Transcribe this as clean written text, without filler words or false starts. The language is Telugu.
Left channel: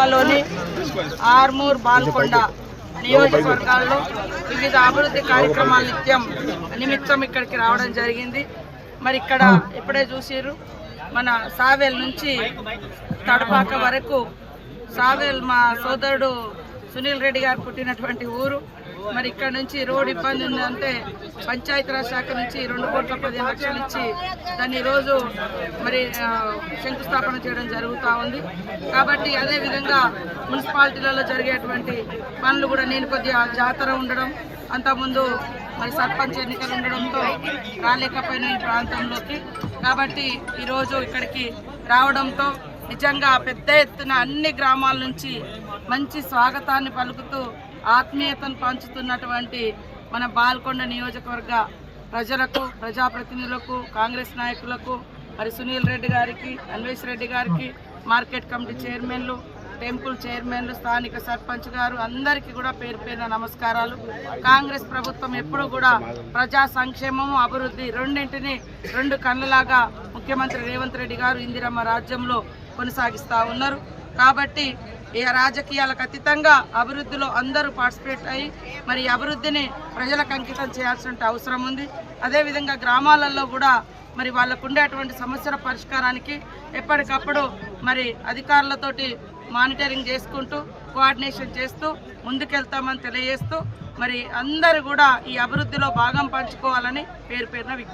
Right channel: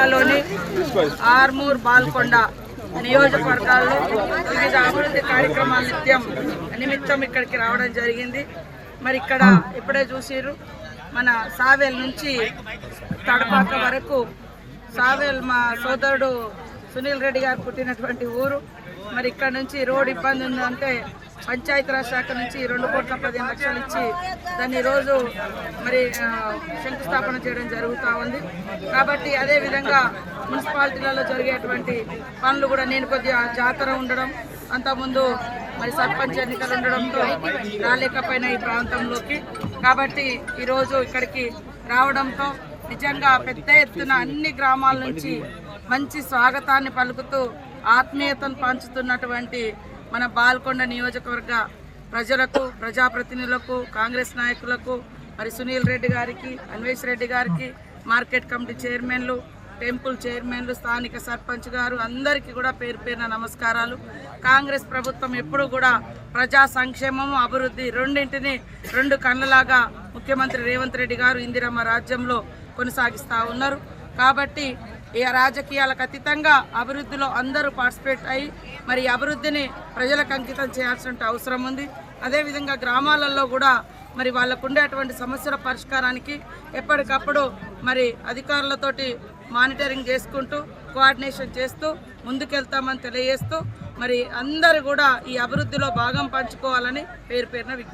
జిల్లాలోని ఆర్మూర్ బాల్కొండ నియోజకవర్గాల్లో వివిధ అభివృద్ధి కార్యక్రమాల నిమిత్తం ఇక్కడికి రావడం జరిగింది. మరి ఇక్కడ ఇప్పుడే చూసిర్రు, మన సావేల్ నుంచి తడపాక వరకు సావేల్ మా సోదరుడు సునీల్ రెడ్డి గారు పుట్టినటువంటి ఊరు. మరి ఇక్కడ నుంచి రోడ్ ఇబ్బంది ఉందంటే పంచాయతీరాజ్ శాఖ నుంచి 2,15,00,000 ఇచ్చి దాన్ని ఈరోజు మరి శంకుస్థాపన చేయడం జరుగుతూ ఉంది. కాబట్టి అదేవిధంగా మున్సిపాలిటీలలో జరిగేటువంటి పనులు కూడా నేను కొద్దిగా జాతర ఉండడం, అంతకుముందు మరి సర్పంచ్ ఎన్నికలు ఉండడంతో రాలేకపోయిన ఈ ప్రాంతంలోకి. కాబట్టి ఈరోజు ఇక్కడికి రావడంతో నిజంగా పెద్ద ఎత్తున అన్ని గ్రామాల నుంచి మంచి స్వాగతాన్ని పలుకుతూ ఆత్మీయతను పంచుతున్నటువంటి మన బాల్కొండ నియోజకవర్గ ప్రజలకు, ప్రజాప్రతినిధులకు, కాంగ్రెస్ నాయకులకు, మరి సునీల్ రెడ్డి గారికి, అన్వేష్ రెడ్డి గారికి, మార్కెట్ కమిటీ చైర్మన్లు, టెంపుల్ చైర్మన్లు, స్థానిక సర్పంచ్ గారు అందరికీ కూడా పేరు పేరున నమస్కారాలు. కాంగ్రెస్ ప్రభుత్వం ఎప్పుడు కూడా ప్రజా సంక్షేమము, అభివృద్ధి రెండింటిని రెండు కళ్ళలాగా ముఖ్యమంత్రి రేవంత్ రెడ్డి గారు ఇందిరమ్మ రాజ్యంలో కొనసాగిస్తూ ఉన్నారు. కాబట్టి ఈ రాజకీయాలకు అతీతంగా అభివృద్ధిలో అందరూ పార్టిసిపేట్ అయ్యి మరి అభివృద్ధిని ప్రజలకు అంకితం చేయాల్సిన అవసరం ఉంది. అదేవిధంగా గ్రామాలలో కూడా మరి వాళ్ళకు ఉండేటువంటి సమస్యల పరిష్కారానికి ఎప్పటికప్పుడు మరి అధికారులతోటి మానిటరింగ్ చేసుకుంటూ, కోఆర్డినేషన్ చేస్తూ ముందుకెళ్తామని తెలియజేస్తూ మరి అందరూ కూడా ఈ అభివృద్ధిలో భాగం పంచుకోవాలని పేరు పేరున విజ్ఞప్తి.